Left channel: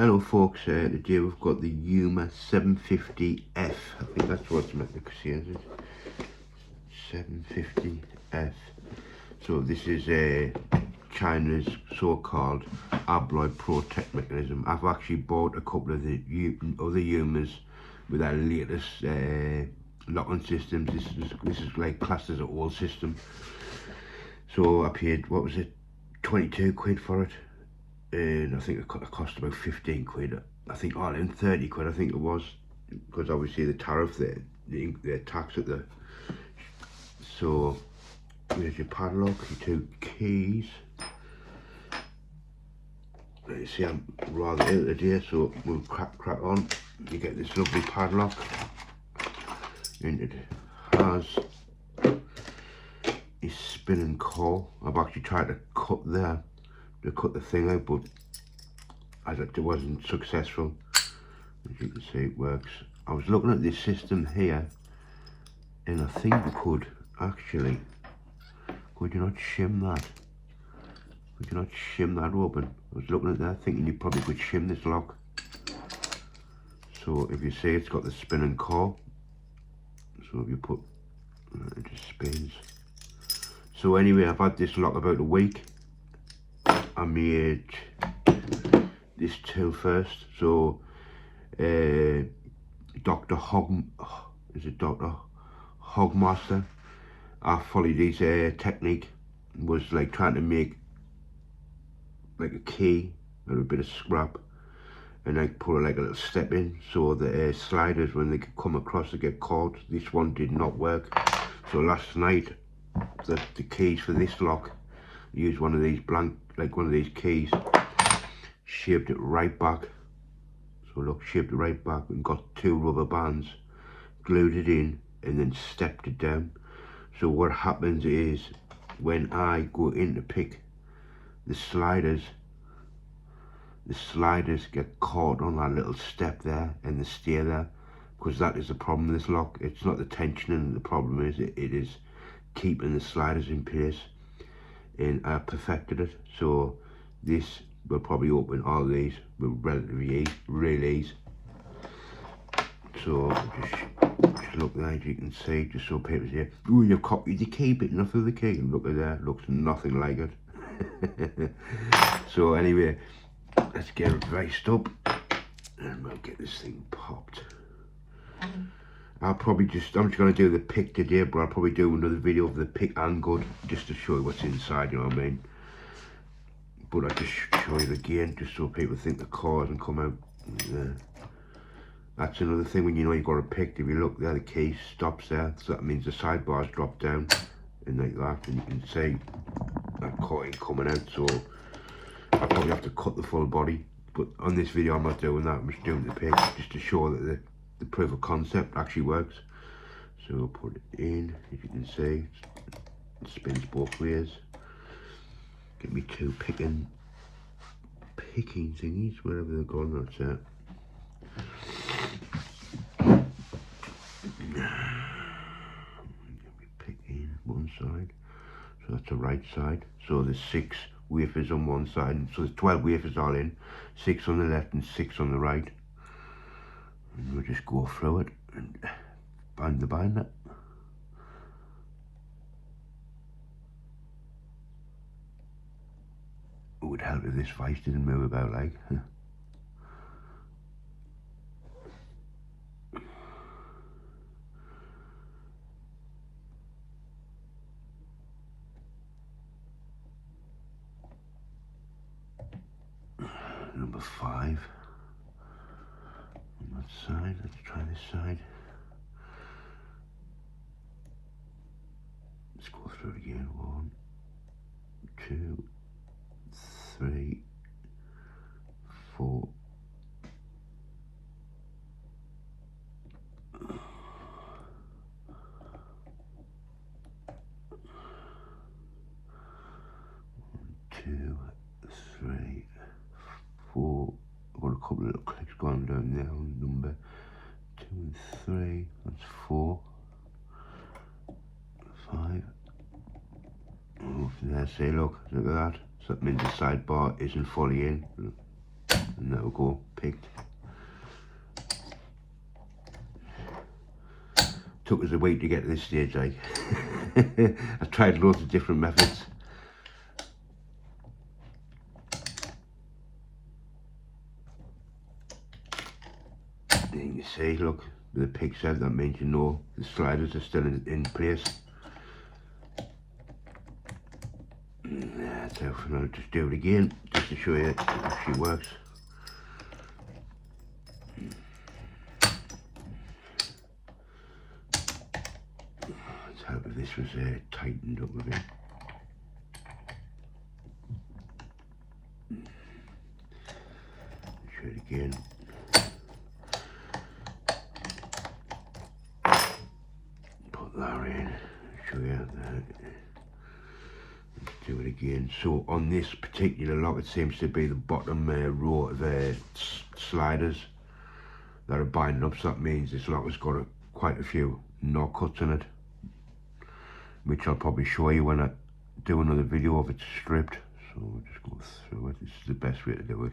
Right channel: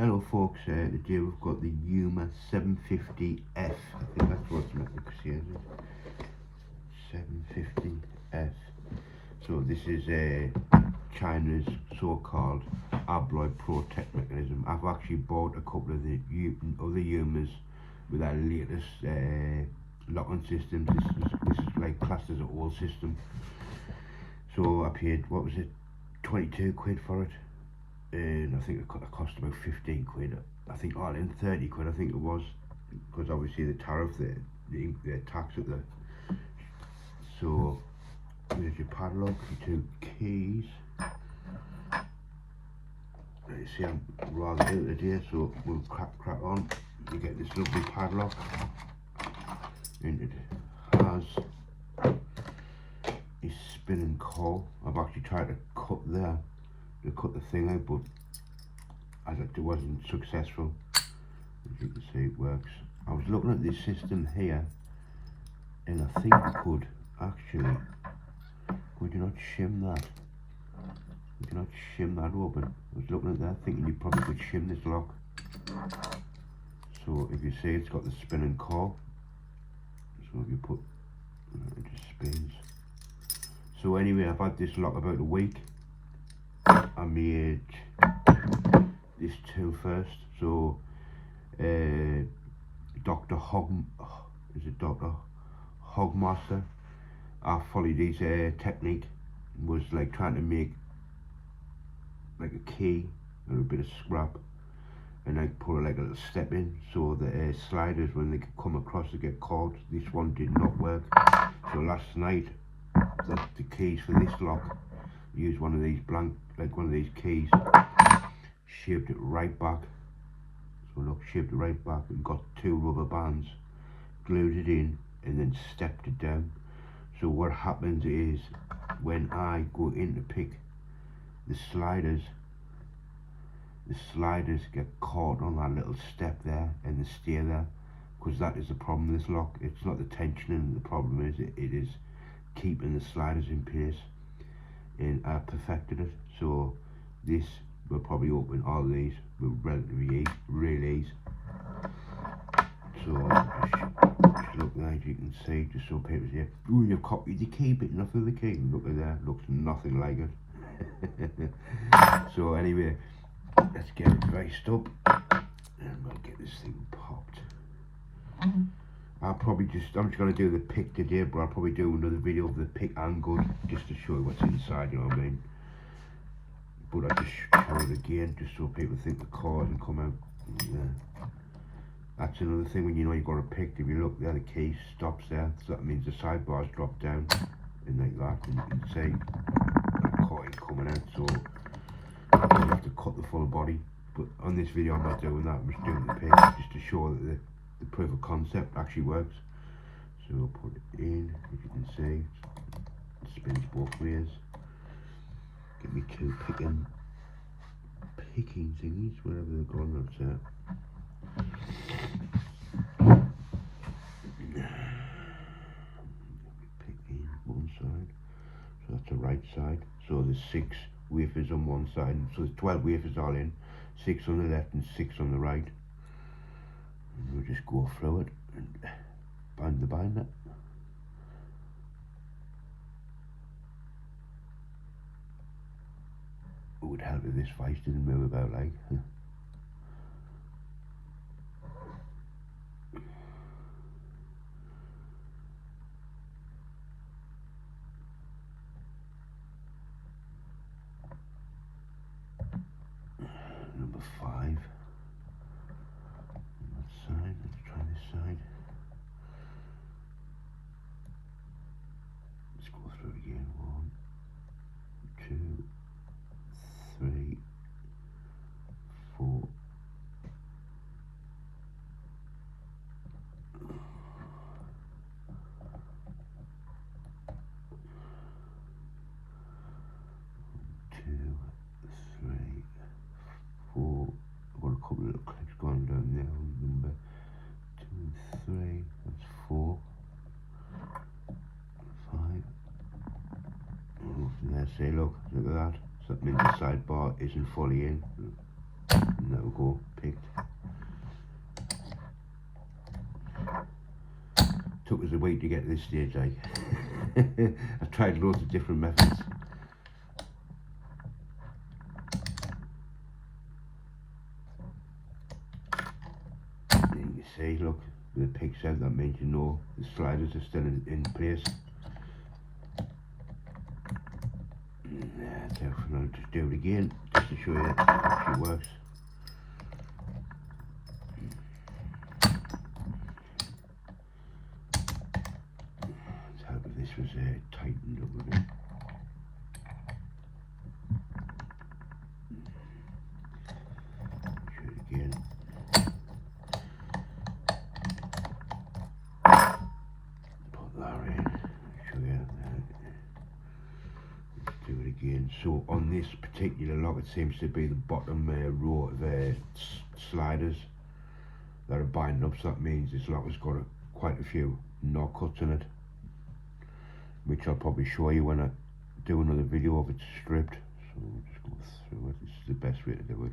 Hello folks, today we've got the Yuema 750F. I think that's what's like the is it? 750F. So this is China's so-called abloy protect mechanism. I've actually bought a couple of the other Yuemas with our latest locking systems. This is like classed as an old system. So I paid, what was it, 22 quid for it. And I think it cost about 15 quid. I think all in 30 quid I think it was, because obviously the tariff, the tax at the. So there's your padlock, your 2 keys. You see I'm rather ill today, so we'll crack on. You get this lovely padlock, and it has a spinning core. I've actually tried to cut the thing out, but as it wasn't successful. As you can see, it works. I was looking at this system here, and I think I could actually, could you not shim that? Could you not shim that open? I was looking at that thinking you probably could shim this lock. So if you see, it's got the spinning core, so if you put, it just spins. So anyway, I've had this lock about a week. I made this tool first. So Dr. Hogmaster, I followed his technique, was like trying to make like a key out of a bit of scrap, and I put like a little step in so the sliders, when they could come across, to get caught. This one did not work, so last night the keys for this lock, used one of these one of these keys, shaped it right back. So look, shaped it right back, and got 2 rubber bands, glued it in, and then stepped it down. So what happens is, when I go in to pick the sliders get caught on that little step there, and they stay there, because that is the problem with this lock. It's not the tensioning, the problem is it is keeping the sliders in place, and I perfected it. So this will probably open all these with relatively real ease. So just look there, as you can see, just so people say, oh, you've copied the key, but enough of the key. And look at that, looks nothing like it. So anyway, let's get it raced up, and we'll get this thing popped. I'm just going to do the pick today, but I'll probably do another video of the pick and good, just to show you what's inside, you know what I mean? But I just show you again, just so people think the core doesn't come out. That's another thing, when you know you've got a pick, if you look there, the key stops there, so that means the sidebars drop down, and like that, and you can see that core ain't coming out. So I probably have to cut the full body, but on this video I'm not doing that. I'm just doing the pick, just to show that the proof of concept actually works. So put it in, as you can see, it spins both ways. Get me 2 picking thingies, wherever they're going, that's it. Picking one side, so that's the right side. So there's 6 wafers on one side, so there's 12 wafers all in, 6 on the left and 6 on the right. And we'll just go through it and bind the binder. It would help if this vice didn't move about like. Number 5 on that side. Let's try this side. Let's go through it again. 1, 2, 3, 4. I've got a couple of little clicks going down there on number 2 and 3. That's 4, 5. Oh, there, see, look at that. So that means the sidebar isn't fully in. And there we go, picked. Took us a week to get to this stage, like. I tried loads of different methods. And you see, look, the pick said, that means you know the sliders are still in place. So I'll just do it again, just to show you it actually works. Let's hope if this was tightened up a bit. Show it again. Put that in, show you that. Do it again. So on this particular lock, it seems to be the bottom row of sliders that are binding up, so that means this lock has got quite a few knot cuts in it, which I'll probably show you when I do another video of it stripped. So we'll just go through it. This is the best way to do it.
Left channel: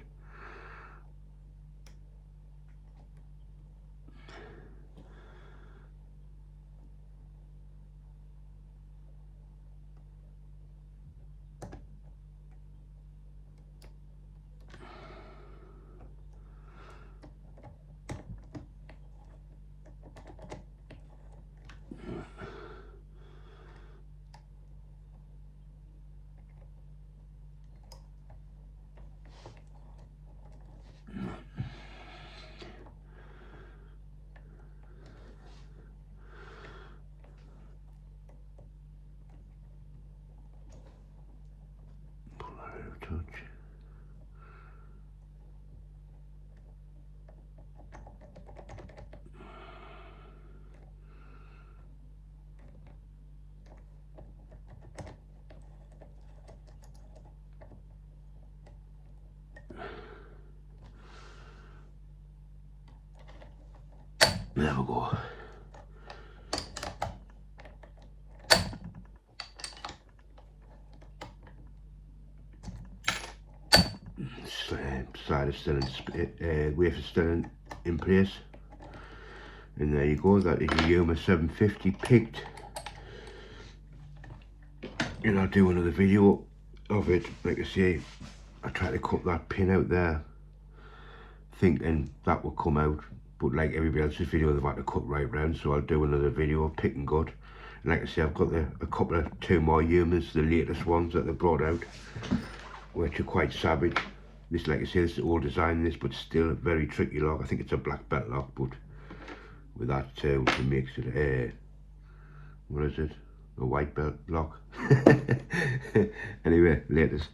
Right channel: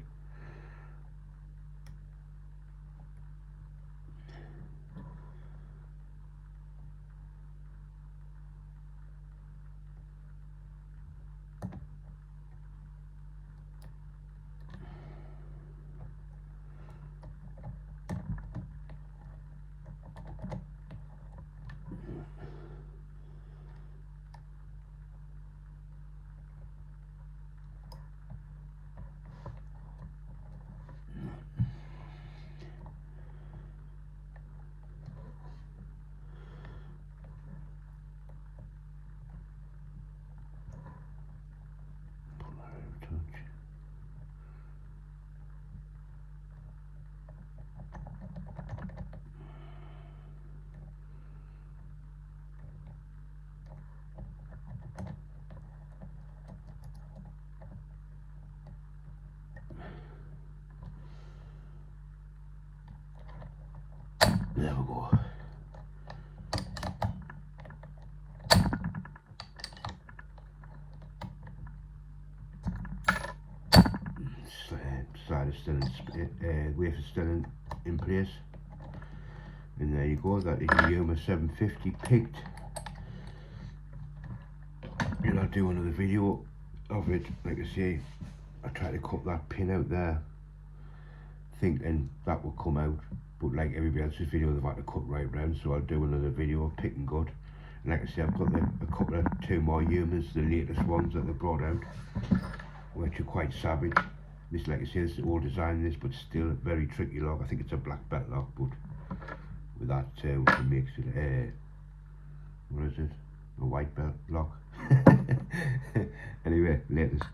There we go. Slider still wafer still in place. And there you go, that is a Yuema 750 picked. And I'll do another video of it. Like I say, I tried to cut that pin out there, thinking that would come out. But like everybody else's video, they've had to cut right round, so I'll do another video of pick and gut. And like I say, I've got a couple of two more Yuemas, the latest ones that they've brought out, which are quite savage. This, like I say, this is old design, this, but still a very tricky lock. I think it's a black belt lock, but with that it makes it what is it? A white belt lock. Anyway, latest.